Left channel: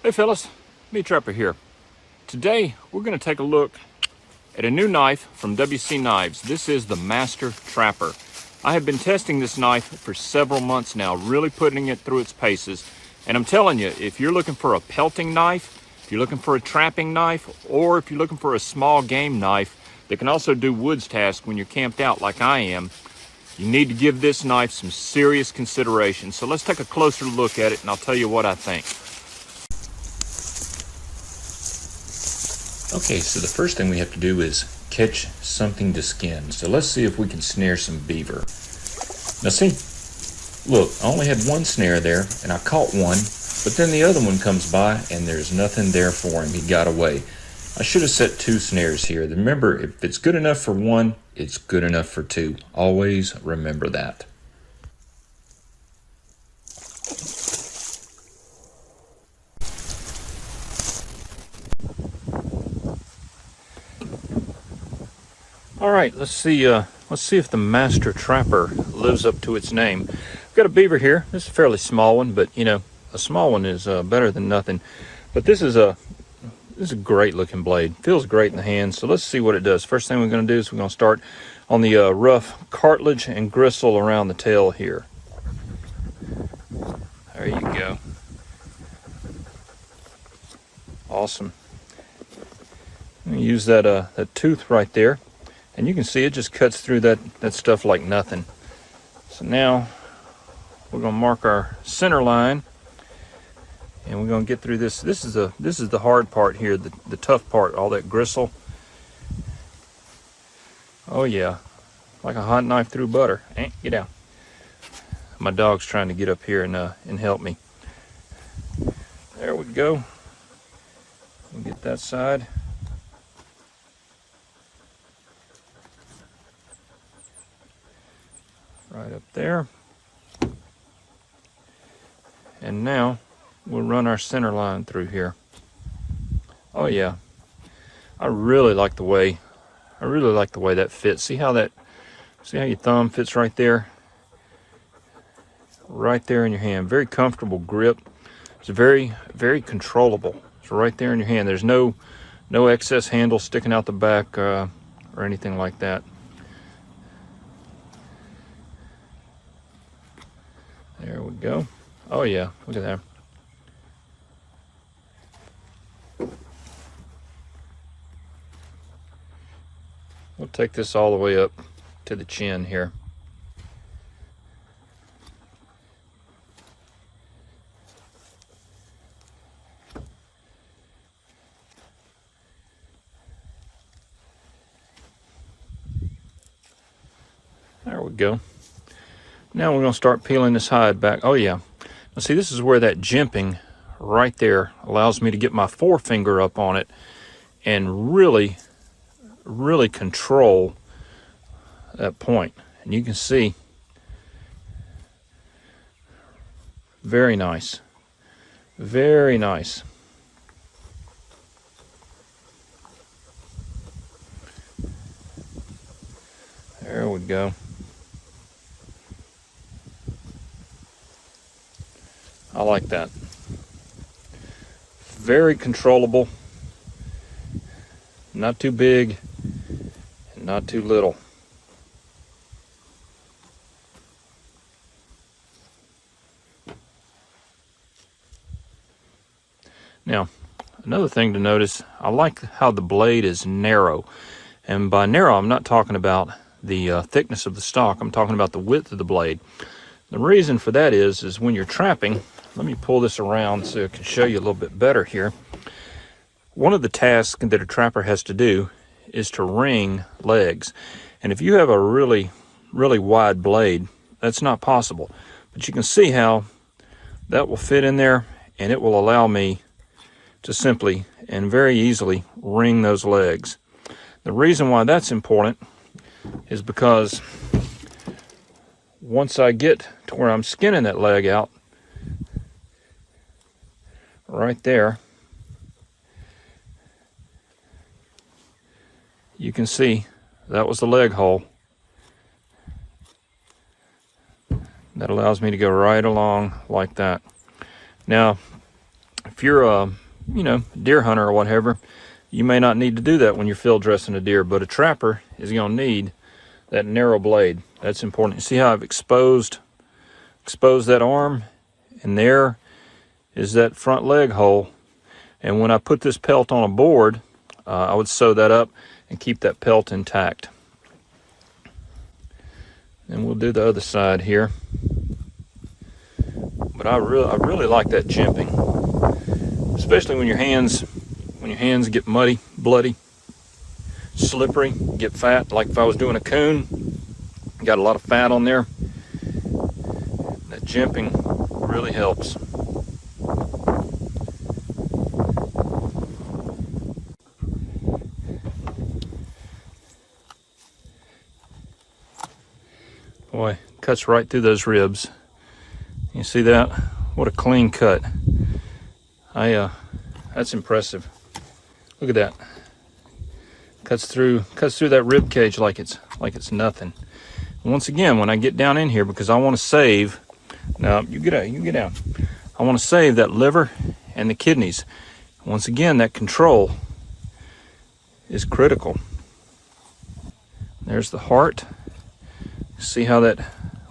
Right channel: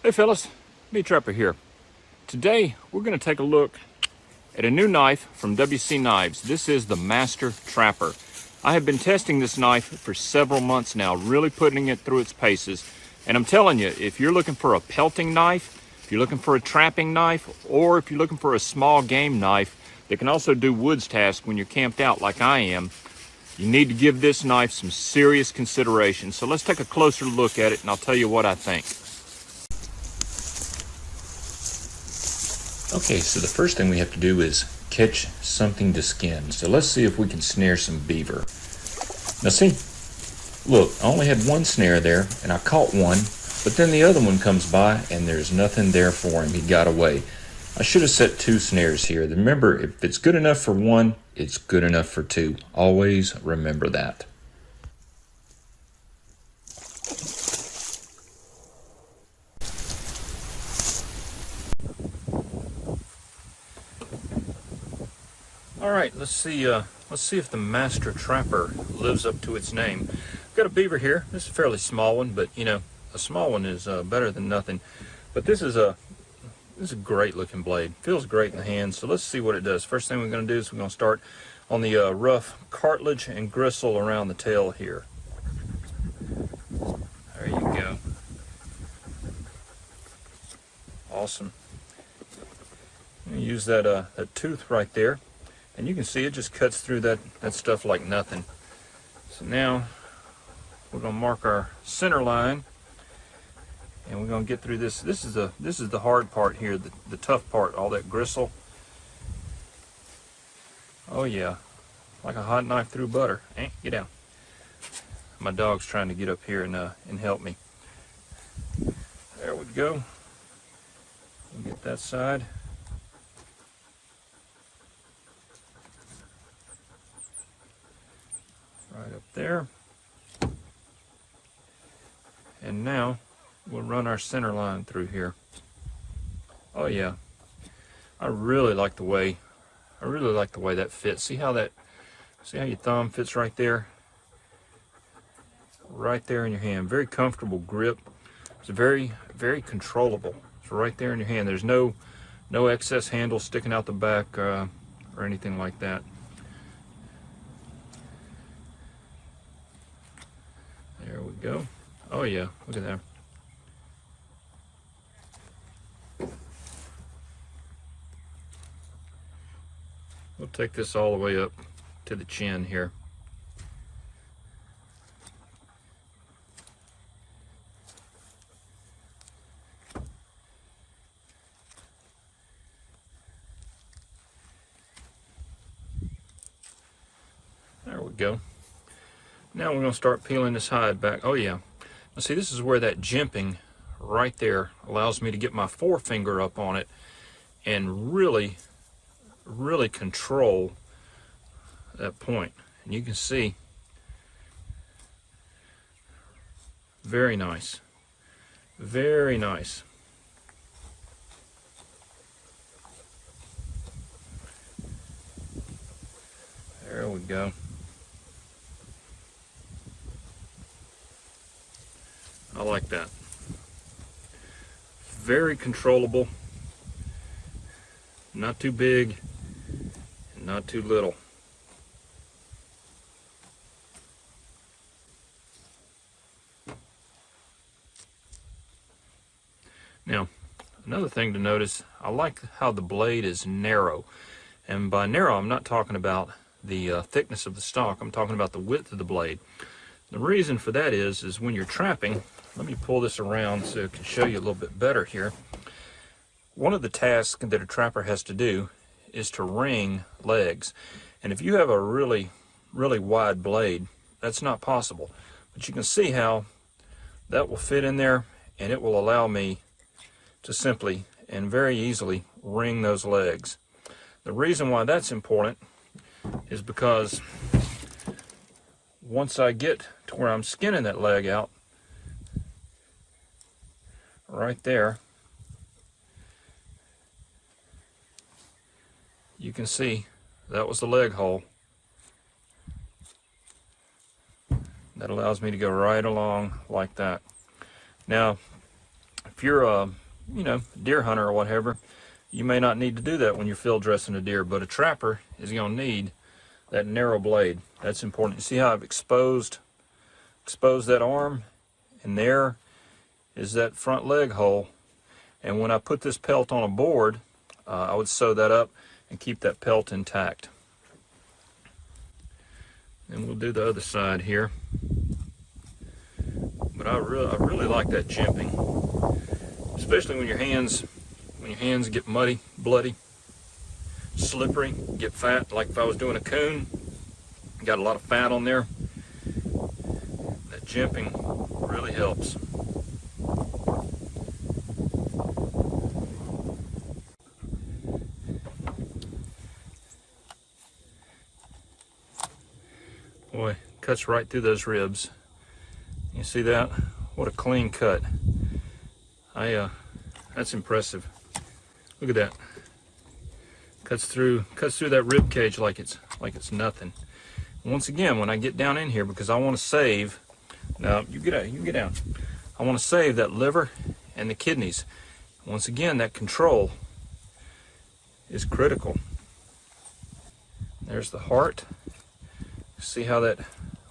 Hey fellas, Meat Trapper here. Today we're going to take a look at a new knife from WC Knives. This is the Master Trapper. I have been testing this knife for several months now, really putting it through its paces. And I'm telling you, if you're looking for a pelting knife, if you're looking for a trapping knife, or if you're looking for a small game knife that can also do woods tasks when you're camped out like I am, you need to give this knife some serious consideration. So let's take a closer look at it and I'll tell you what I think. Okay, so the first thing we have to do is catch something to skin. So let's see if we can snare some beaver. Now see, look, I only had one snare there and I caught one, but then the other one comes by and there's nothing there for him. He got away. I should have set two snares here. Remember, if it's good enough for one, it's good enough for two. Always remember that. All right, let's see if the Master Trapper lives up to its name. I've got a beaver here. This is a fairly small one, but you know, a small one is better than nothing. But this is a great looking blade. Feels great in the hand. So let's see what it does. First thing we're going to do is we're going to start on the rough cartilage and gristle around the tail here. There you go. Awesome. I'm going to use that tooth right there. And you can see it just cuts through that stuff like nothing. So now we're going to mark our center line, and we're going to get through this. This is the hard part here, the tough part, all that gristle. Oh yeah, like a hot knife through butter. Get down. My dog's trying to get up here and help me. There we go. We'll get that side. Right up there. And now we'll run our center line through here. Oh yeah. I really like the way that fits. See how your thumb fits right there? Right there in your hand. Very comfortable grip. It's very, very controllable. It's right there in your hand. There's no excess handle sticking out the back or anything like that. There we go. Oh yeah, look at that. We'll take this all the way up to the chin here. There we go. Now we're going to start peeling this hide back. Oh yeah. Now see, this is where that jimping right there allows me to get my forefinger up on it and really control that point. And you can see, very nice. Very nice. There we go. I like that. Very controllable. Not too big, and not too little. Now, another thing to notice, I like how the blade is narrow. And by narrow, I'm not talking about the thickness of the stock. I'm talking about the width of the blade. The reason for that is when you're trapping, let me pull this around so I can show you a little bit better here. One of the tasks that a trapper has to do is to ring legs. And if you have a really wide blade, that's not possible. But you can see how that will fit in there, and it will allow me to simply and very easily ring those legs. The reason why that's important is because once I get to where I'm skinning that leg out, right there, you can see that was the leg hole. That allows me to go right along like that. Now, If you're a, deer hunter or whatever, you may not need to do that when you're field dressing a deer, but a trapper is going to need that narrow blade. That's important. You see how I've exposed that arm, and there is that front leg hole. And when I put this pelt on a board, I would sew that up and keep that pelt intact. And we'll do the other side here. But I really like that jimping, especially when your hands get muddy, bloody, slippery, get fat. Like if I was doing a coon, got a lot of fat on there. That jimping really helps. Boy, cuts right through those ribs. You see that? What a clean cut. That's impressive. Look at that. Cuts through that rib cage like it's nothing. And once again, when I get down in here, because I want to save. Now you get down. I want to save that liver and the kidneys. Once again, that control is critical. There's the heart. See how that,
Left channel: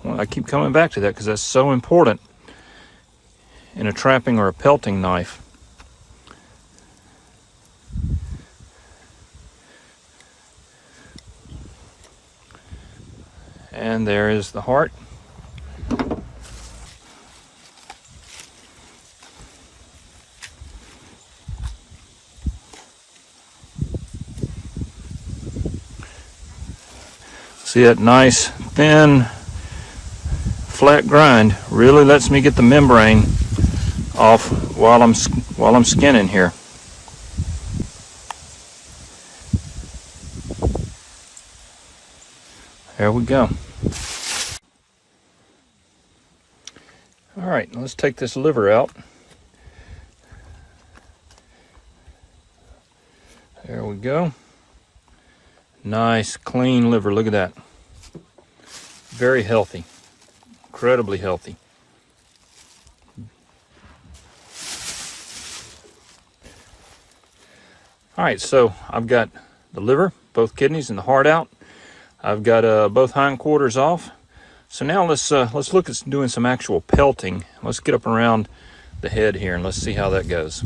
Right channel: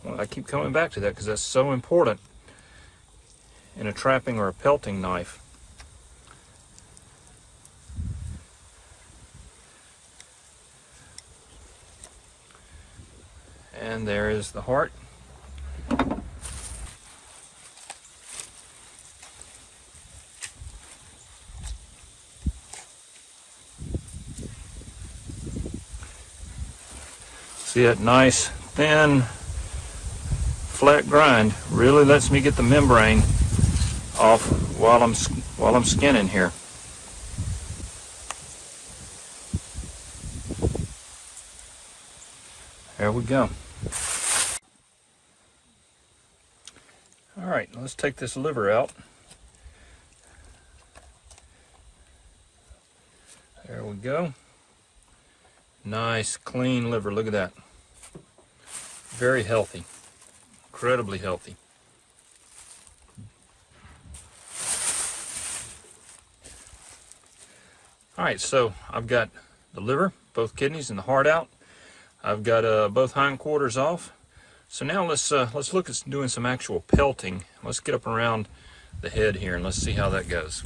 well, I keep coming back to that because that's so important in a trapping or a pelting knife. And there is the heart. See that nice, thin, flat grind really lets me get the membrane off while I'm skinning here. There we go. All right, let's take this liver out. There we go. Nice, clean liver. Look at that. Very healthy. Incredibly healthy. All right, so I've got the liver, both kidneys, and the heart out. I've got both hindquarters off. So now let's look at doing some actual pelting. Let's get up around the head here and let's see how that goes.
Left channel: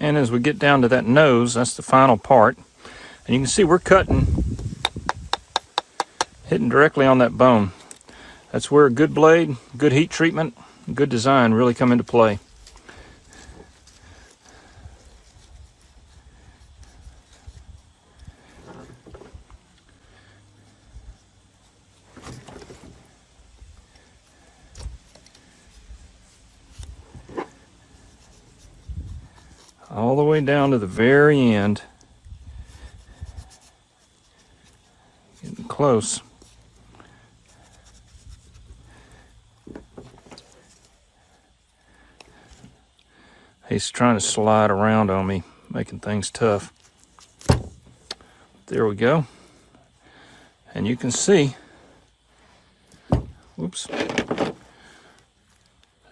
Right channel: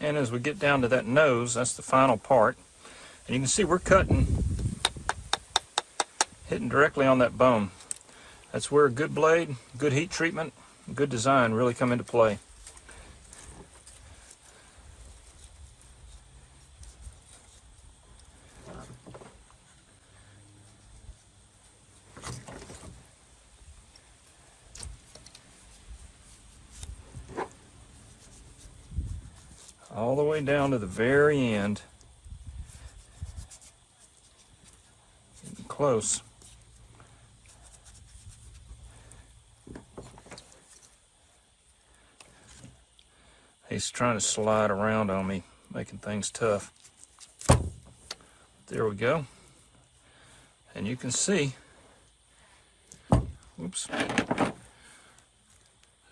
And as we get down to that nose, that's the final part. And you can see we're cutting, hitting directly on that bone. That's where a good blade, good heat treatment, good design really come into play. All the way down to the very end. Getting close. He's trying to slide around on me, making things tough. There we go. And you can see, whoops,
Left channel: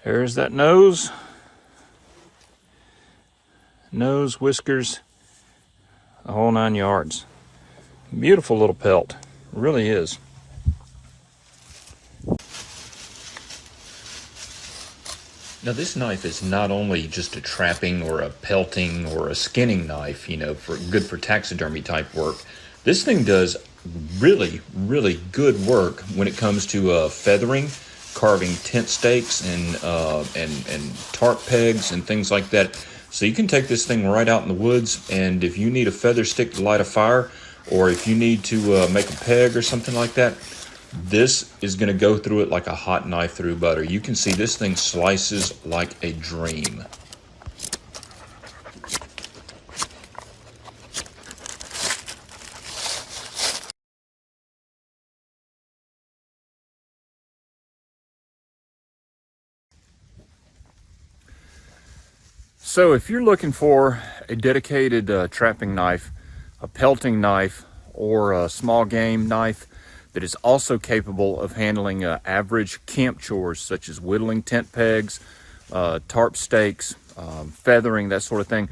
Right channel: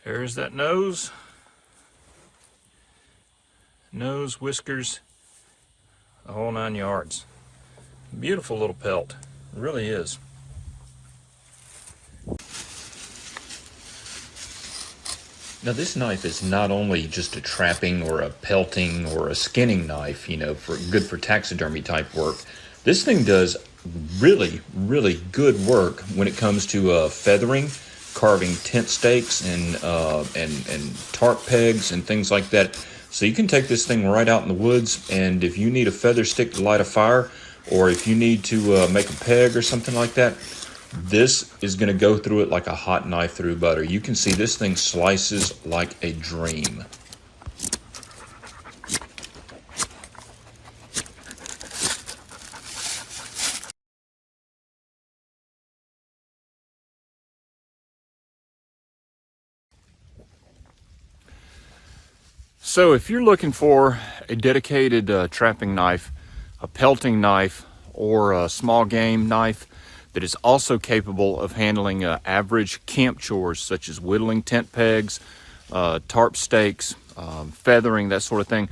there's that nose. Nose, whiskers, the whole 9 yards. Beautiful little pelt, it really is. Now this knife is not only just a trapping or a pelting or a skinning knife, you know, for good for taxidermy type work. This thing does really good work when it comes to feathering, carving tent stakes and tarp pegs and things like that. So you can take this thing right out in the woods, and if you need a feather stick to light a fire, or if you need to make a peg or something like that, this is going to go through it like a hot knife through butter. You can see this thing slices like a dream. So if you're looking for a dedicated trapping knife, a pelting knife, or a small game knife that is also capable of handling average camp chores such as whittling tent pegs, tarp stakes, feathering, that sort of thing,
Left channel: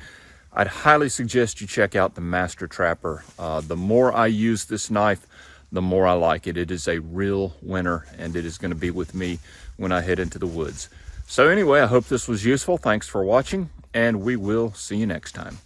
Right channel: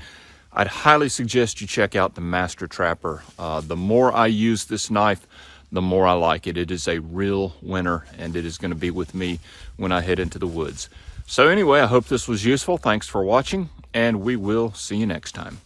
I'd highly suggest you check out the Master Trapper. The more I use this knife, the more I like it. It is a real winner, and it is going to be with me when I head into the woods. So anyway, I hope this was useful. Thanks for watching, and we will see you next time.